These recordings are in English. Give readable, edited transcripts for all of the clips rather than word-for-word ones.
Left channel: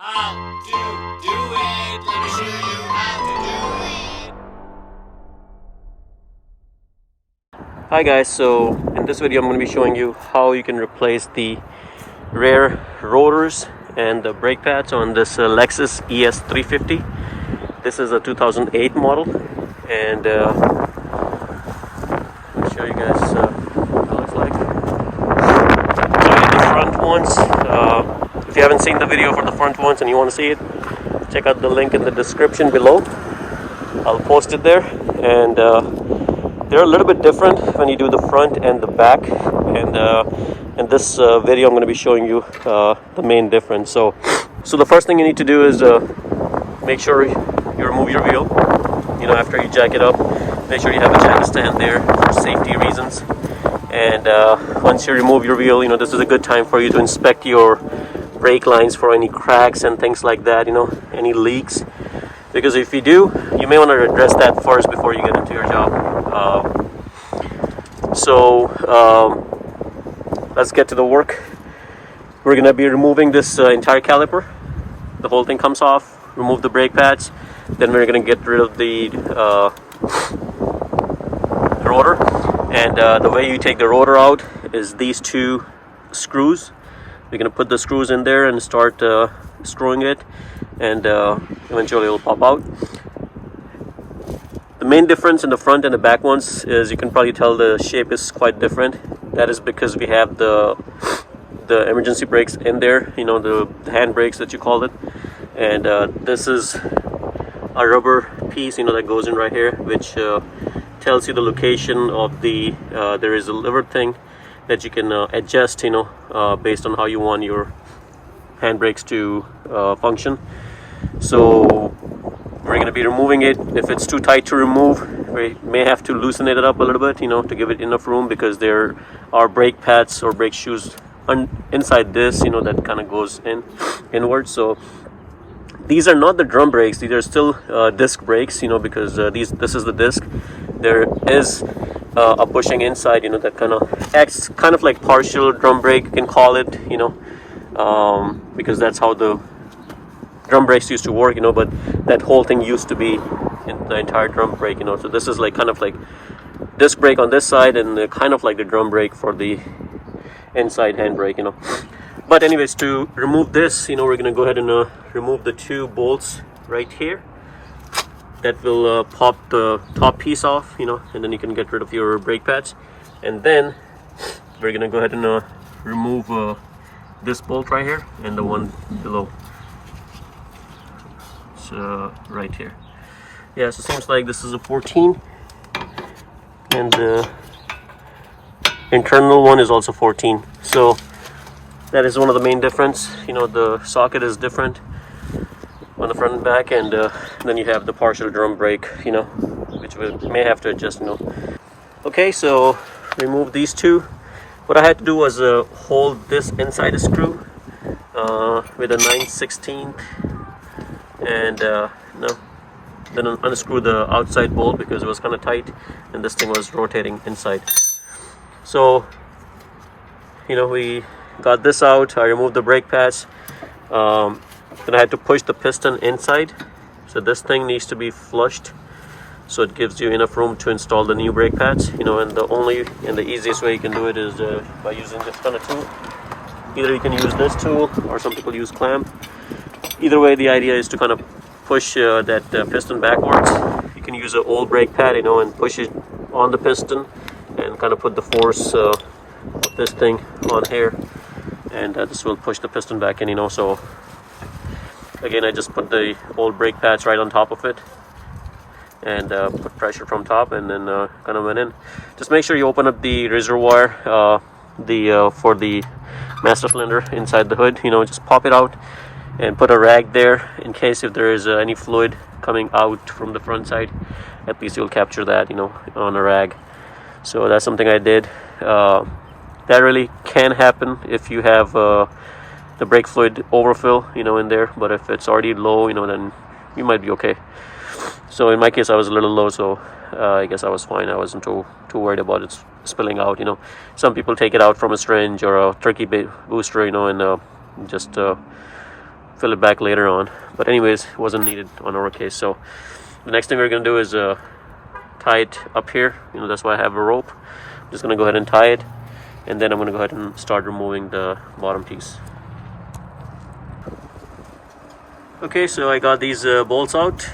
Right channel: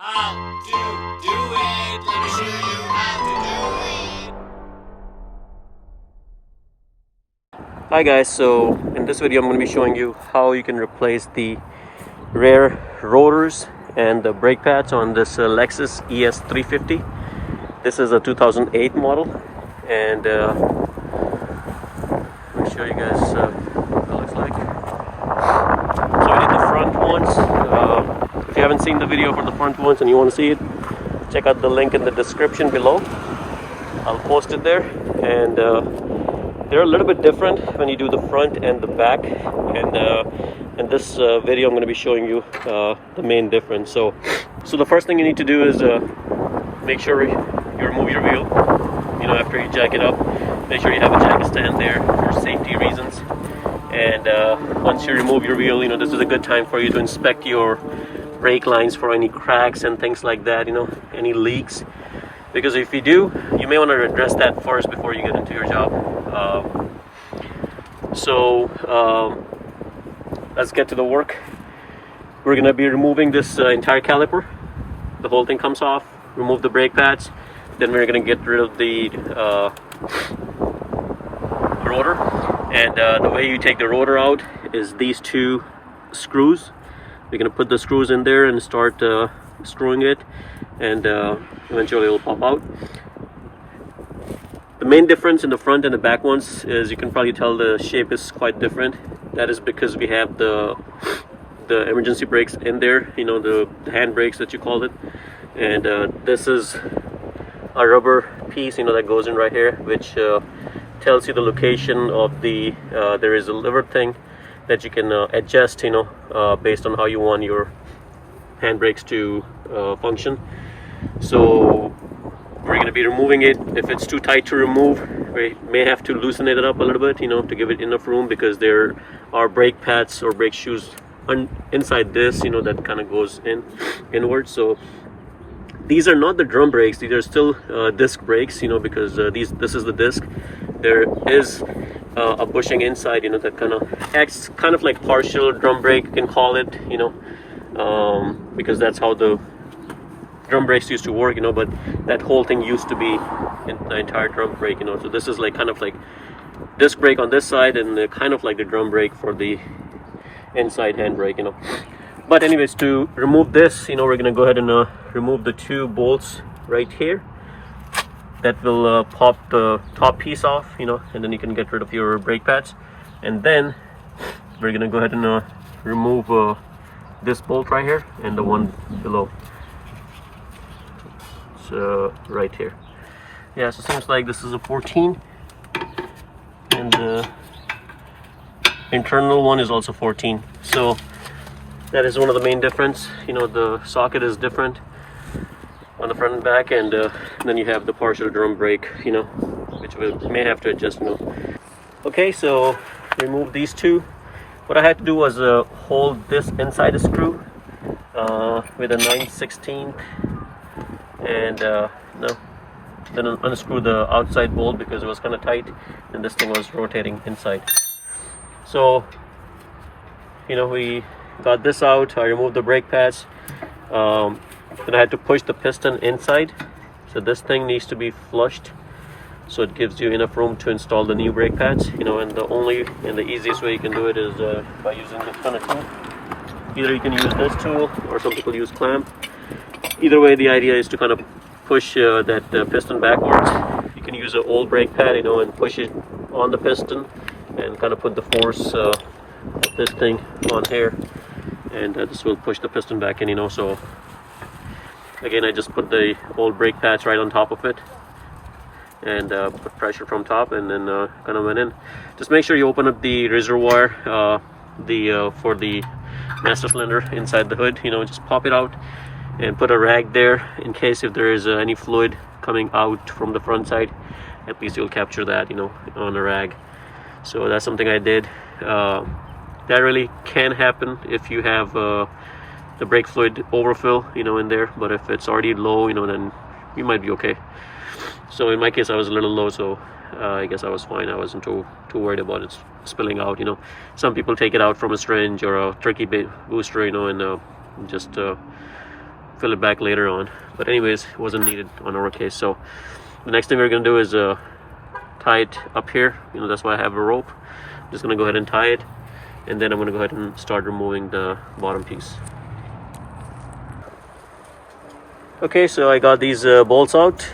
How to do it. Let me show you how to do it. Hi guys, so in this video I'm going to be showing you how you can replace the rear rotors and the brake pads on this LEXUS ES350. This is a 2008 model, and let me show you guys what it looks like. So the front ones, if you haven't seen the video for the front ones and you want to see it, check out the link in the description below. I'll post it there, and they're a little bit different when you do the front and the back, and in this video I'm going to be showing you the main difference. So the first thing you need to do is make sure you remove your wheel. After you jack it up, make sure you have a jack stand there for safety reasons. And once you remove your wheel, this is a good time for you to inspect your brake lines for any cracks and things like that, any leaks. Because if you do, you may want to address that first before you get into your job. Let's get to the work. We're going to be removing this entire caliper. The whole thing comes off. Remove the brake pads. Then we're going to get rid of the rotor. And the way you take the rotor out is these two screws. We're going to put the screws in there and start screwing it, and eventually it will pop out. The main difference in the front and the back ones is you can probably tell the shape is quite different. That is because we have the emergency brakes in there, the hand brakes that you call it. And this is a rubber piece, that goes in right here, which tells you the location of the, there is a lever thing that you can adjust, based on how you want your hand brakes to function. So we're going to be removing it. If it's too tight to remove, we may have to loosen it up a little bit, to give it enough room, because there are brake pads or brake shoes inside this, that kind of goes inward. So these are not the drum brakes. These are still disc brakes, because this is the disc. There is a bushing inside, that kind of acts kind of like partial drum brake, you can call it, because that's how the drum brakes used to work, but that whole thing used to be in the entire drum brake, so this is like kind of like disc brake on this side, and kind of like the drum brake for the inside hand brake, But anyways, to remove this, we're gonna go ahead and remove the two bolts right here. That will pop the top piece off, and then you can get rid of your brake pads. And then we're gonna go ahead and remove this bolt right here and the one below. So right here. Yeah, so it seems like this is a 14, and the internal one is also 14. So that is one of the main difference. The socket is different on the front and back, and then you have the partial drum brake, which we may have to adjust. Okay, so remove these two. What I had to do was hold this inside the screw with a 9/16, and then unscrew the outside bolt because it was kind of tight and this thing was rotating inside. So we got this out. I removed the brake pads. Then I had to push the piston inside, so this thing needs to be flushed, so it gives you enough room to install the new brake pads. And the easiest way you can do it is by using this kind of tool. Either you can use this tool, or some people use clamp. Either way, the idea is to kind of push that piston backwards. You can use an old brake pad, and push it on the piston and kind of put the force of this thing on here, and this will push the piston back in. So again, I just put the old brake pads right on top of it and put pressure from top, and then kind of went in. Just make sure you open up the reservoir for the master cylinder inside the hood. Just pop it out and put a rag there in case if there is any fluid coming out from the front side. At least you'll capture that, on a rag. So that's something I did. That really can happen if you have the brake fluid overfill, in there. But if it's already low, then you might be okay. So in my case, I was a little low, so I guess I was fine. I wasn't too worried about it spilling out. Some people take it out from a syringe or a turkey booster, and just fill it back later on. But anyways, it wasn't needed on our case. So the next thing we're gonna do is tie it up here. You know, that's why I have a rope. I'm just gonna go ahead and tie it, and then I'm gonna go ahead and start removing the bottom piece. Okay, so I got these bolts out,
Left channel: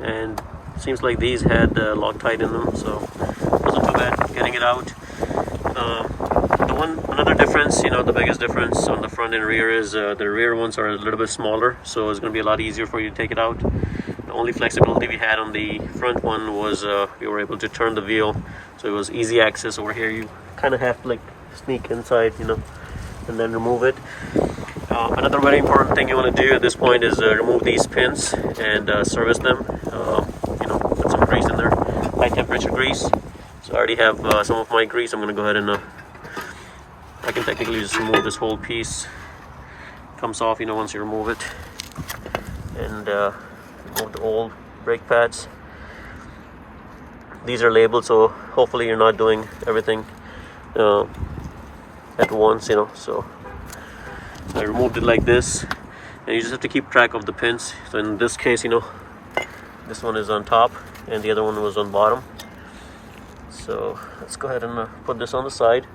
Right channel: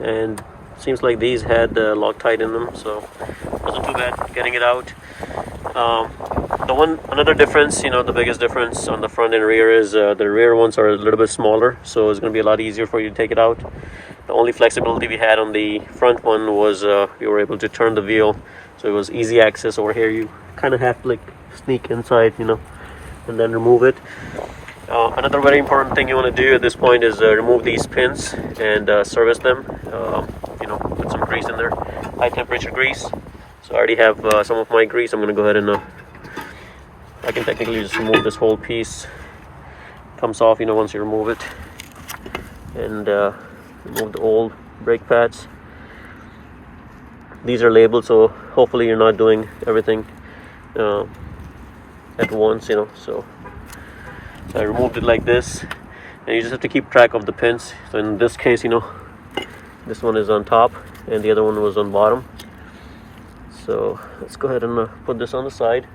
and it seems like these had Loctite in them, so it wasn't too bad getting it out. Another difference, you know, the biggest difference on the front and rear is the rear ones are a little bit smaller, so it's going to be a lot easier for you to take it out. The only flexibility we had on the front one was we were able to turn the wheel, so it was easy access. Over here you kind of have to like sneak inside, you know, and then remove it. Another very important thing you want to do at this point is remove these pins and service them. You know, put some grease in there, high temperature grease. So I already have some of my grease. I'm going to go ahead and I can technically just remove this whole piece. Comes off, you know, once you remove it, and remove the old brake pads. These are labeled, so hopefully you're not doing everything at once, you know. So I removed it like this, and you just have to keep track of the pins. So in this case, you know, this one is on top and the other one was on bottom. So let's go ahead and put this on the side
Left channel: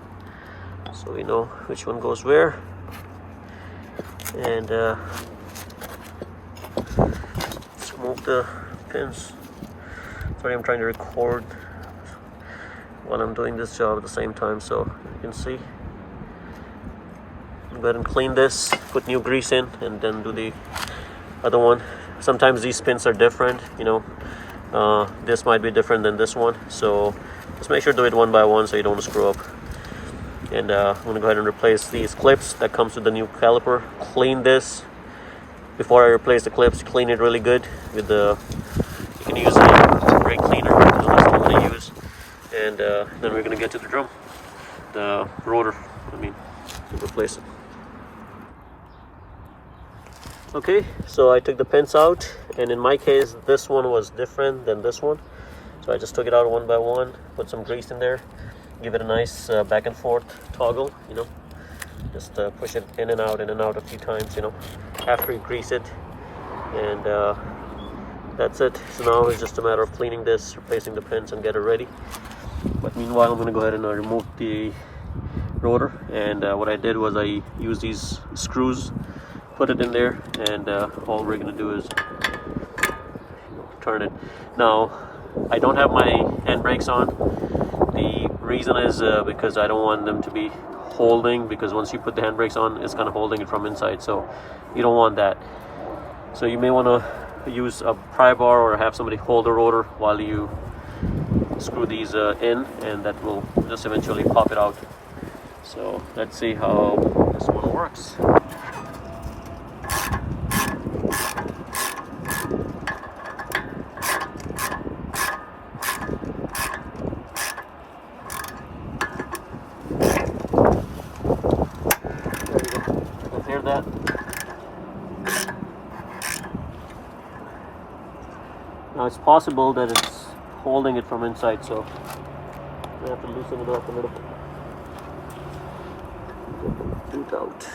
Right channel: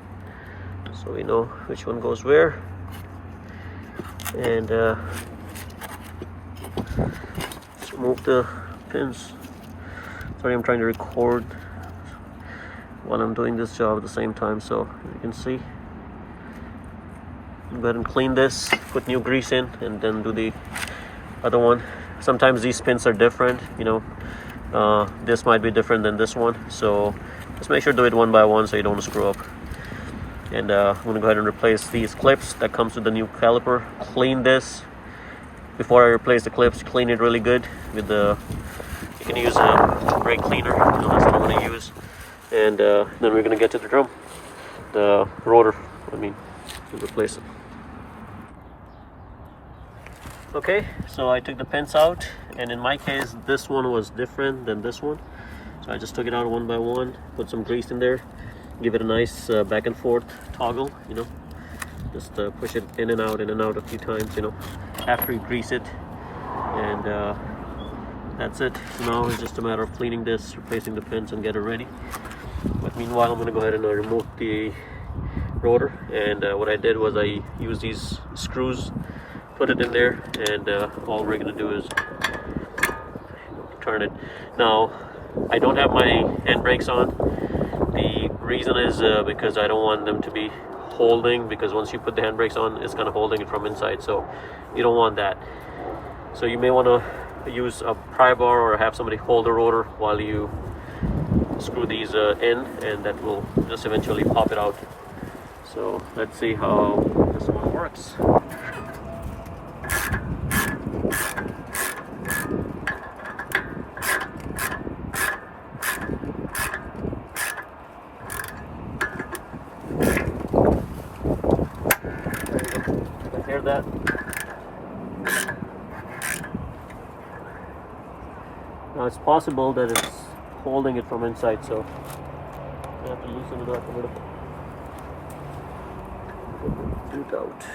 so we know which one goes where. And let's remove the pins. Sorry, I'm trying to record while I'm doing this job at the same time, so you can see. Go ahead and clean this, put new grease in, and then do the other one. Sometimes these pins are different, you know. This might be different than this one, so just make sure to do it one by one so you don't screw up. And I'm going to go ahead and replace these clips that comes with the new caliper. Clean this before I replace the clips. Clean it really good with the. You can use a brake cleaner. So that's what I'm going to use. And then we're going to get to the drum, the rotor. I mean, replace it. Okay, so I took the pins out, and in my case, this one was different than this one. So I just took it out one by one, put some grease in there, give it a nice back and forth toggle, you know. Just push it in and out a few times, you know, after you grease it. And that's it. So now it's just a matter of cleaning this, replacing the pins, and get it ready. But meanwhile, I'm going to go ahead and remove the rotor. And what I did was I used these screws, put it in there, and all we're going to do is turn it. Now, I don't have my handbrakes on. The reason is because I don't want them to be holding, because once you put the handbrakes on, it's kind of holding it from inside, so you don't want that. So you may want to use a pry bar or have somebody hold the rotor while you screw these in, and that will just eventually pop it out. So let's see how this one works. That. Now it's possible that it's holding it from inside, so you have to loosen it up a little bit. Get the boot out.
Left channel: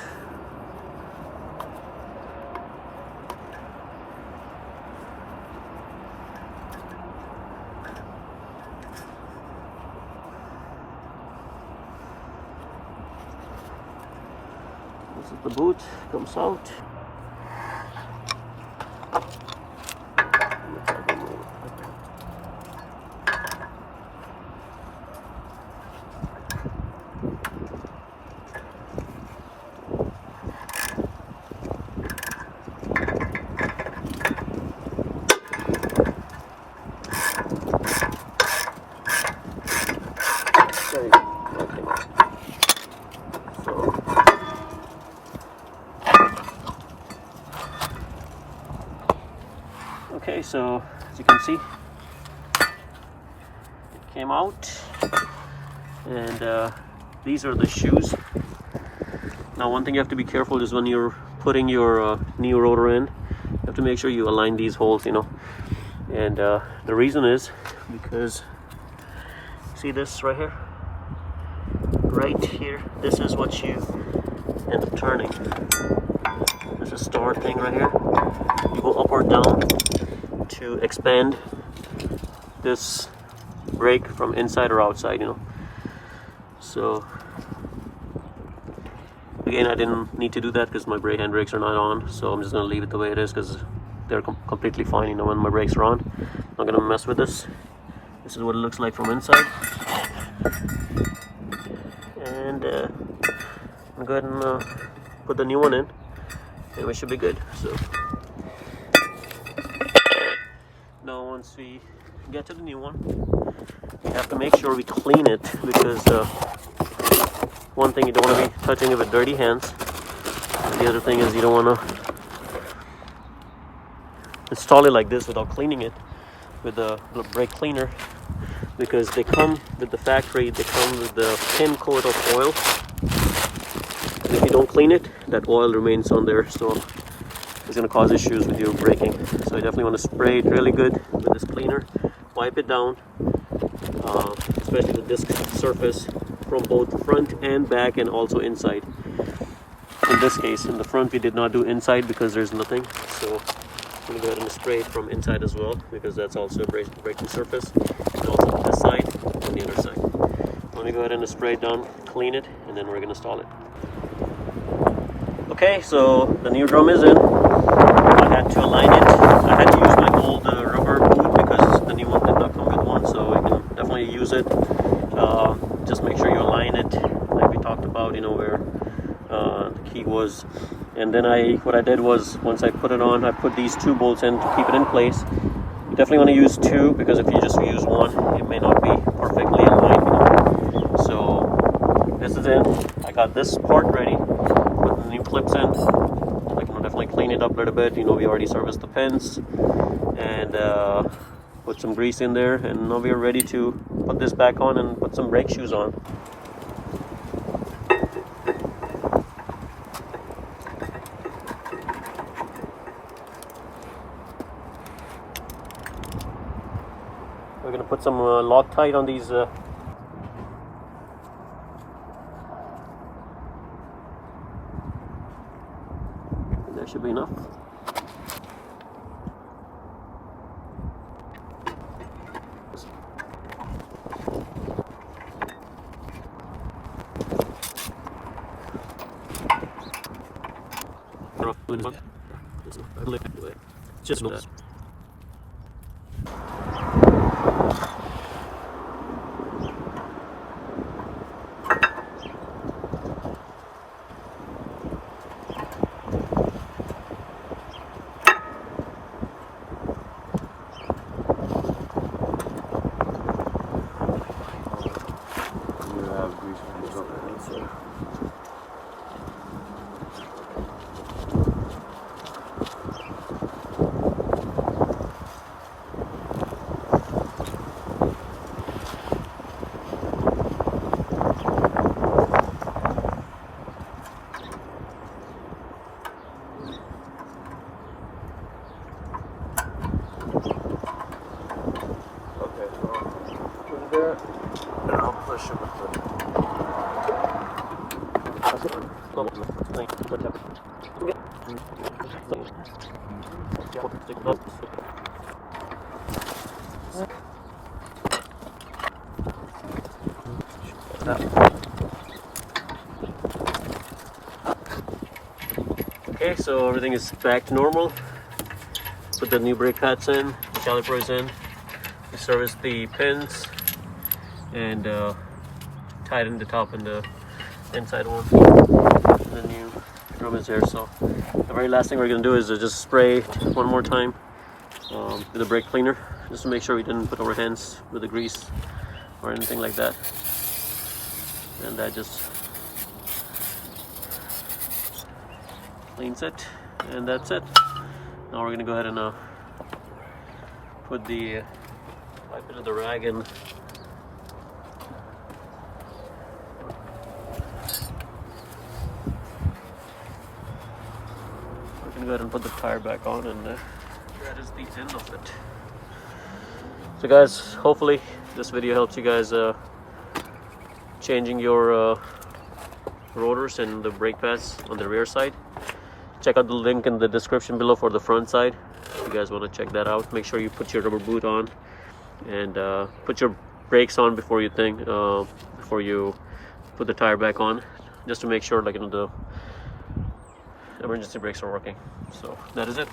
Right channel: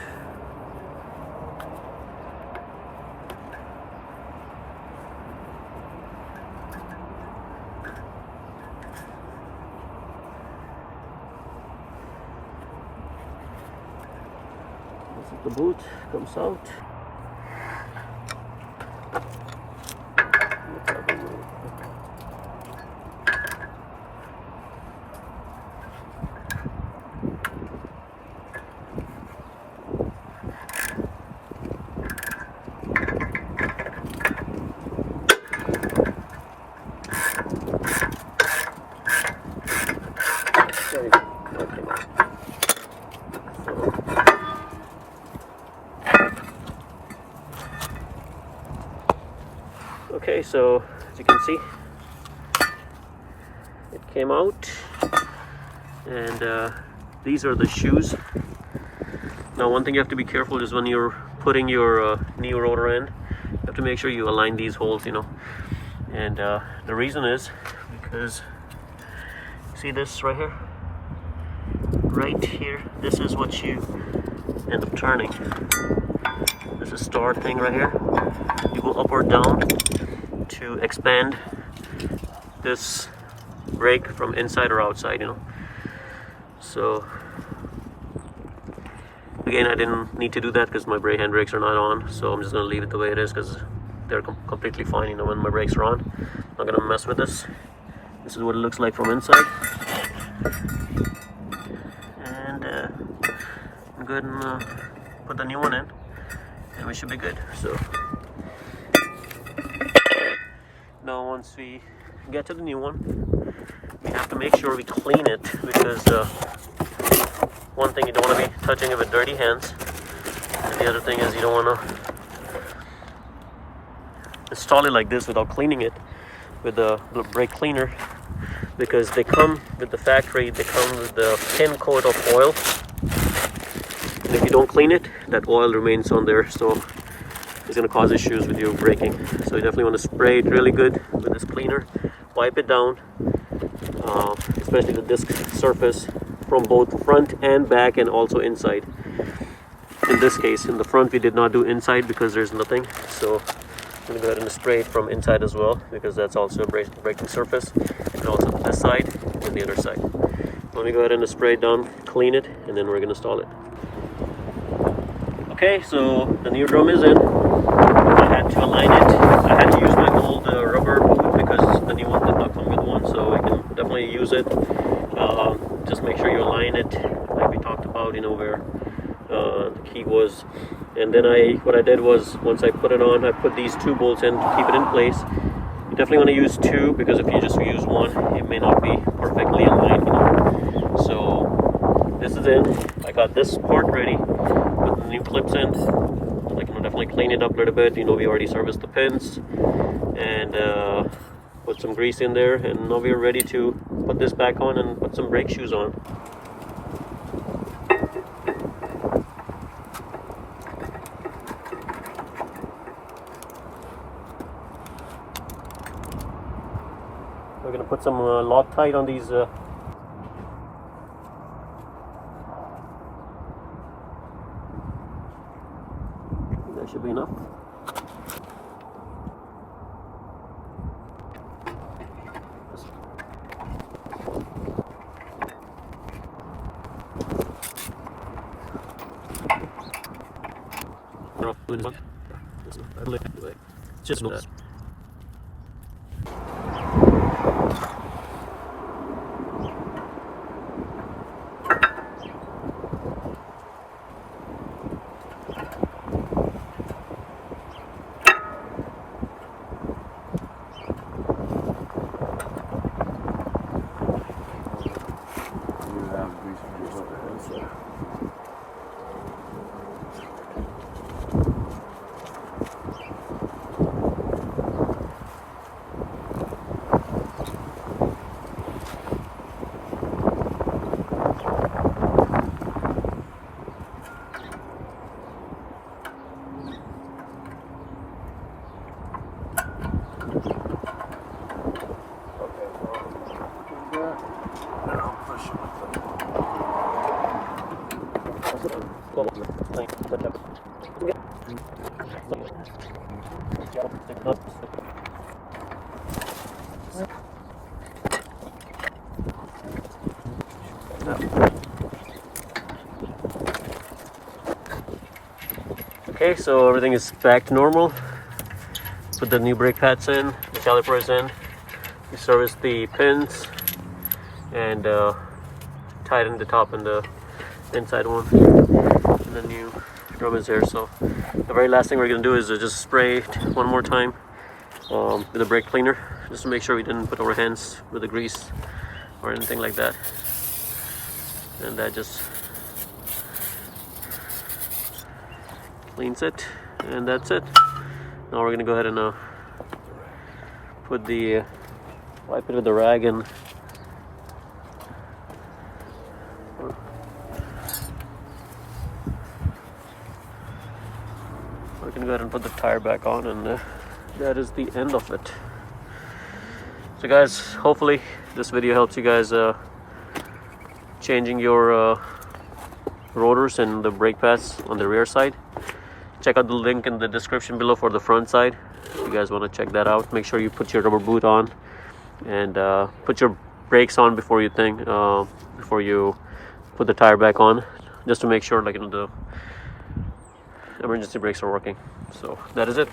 This is the boot, comes out. Okay, so as you can see, it came out, and these are the shoes. Now, one thing you have to be careful is when you're putting your new rotor in, you have to make sure you align these holes, you know. And the reason is because, see this right here? Right here, this is what you end up turning. There's a start thing right here. You go up or down to expand this brake from inside or outside, you know. So again, I didn't need to do that because my brake hand brakes are not on, so I'm just gonna leave it the way it is because they're completely fine, you know, when my brakes are on. I'm not gonna mess with this. This is what it looks like from inside. And I'm go ahead and put the new one in, and we should be good. So now once we get to the new one, we have to make sure we clean it, because one thing, you don't want to be touching it with dirty hands. And the other thing is you don't want to install it like this without cleaning it with the brake cleaner, because they come with the factory, they come with the thin coat of oil, and if you don't clean it, that oil remains on there, so it's going to cause issues with your braking. So you definitely want to spray it really good with this cleaner, wipe it down, especially the disc surface from both front and back, and also inside. In this case, in the front we did not do inside because there's nothing, so I'm going to go ahead and spray it from inside as well, because that's also a braking surface, and also this side and the other side. Let me go ahead and spray it down, clean it, and then we're going to install it. Okay, so the new drum is in. I had to align it. I had to use my old rubber boot because the new one did not come with one, so we can definitely use it. Just make sure you align it like we talked about, you know, where the key was. And then what I did was, once I put it on, I put these 2 bolts in to keep it in place. You definitely want to use 2, because if you just use 1, it may not be perfectly aligned, you know. So this is in. I got this part ready, put the new clips in. Like, I'm definitely clean it up a little bit. You know, we already serviced the pins and put some grease in there, and now we're ready to put this back on and put some brake shoes on. We're going to put some Loctite on these that should be enough. Just that. Okay, so everything is back to normal. Put the new brake pads in, the calipers in. We service the pins and tighten the top and the inside one. And the new drum is there. So the very last thing we're gonna do is just spray it one more time with the brake cleaner, just to make sure we didn't put our hands with the grease or anything like that. And that just cleans it, and that's it. Now we're gonna go ahead and put the wipe it with the rag, and we're gonna go ahead and put the tire back on, and that is the end of it. So guys, hopefully this video helps you guys changing your rotors and the brake pads on the rear side. check out the link in the description below for the front side if you guys want to check that out. Make sure you put your rubber boot on and put your brakes on before you put the tire back on, just to make sure, like, the emergency brakes are working. So that is it.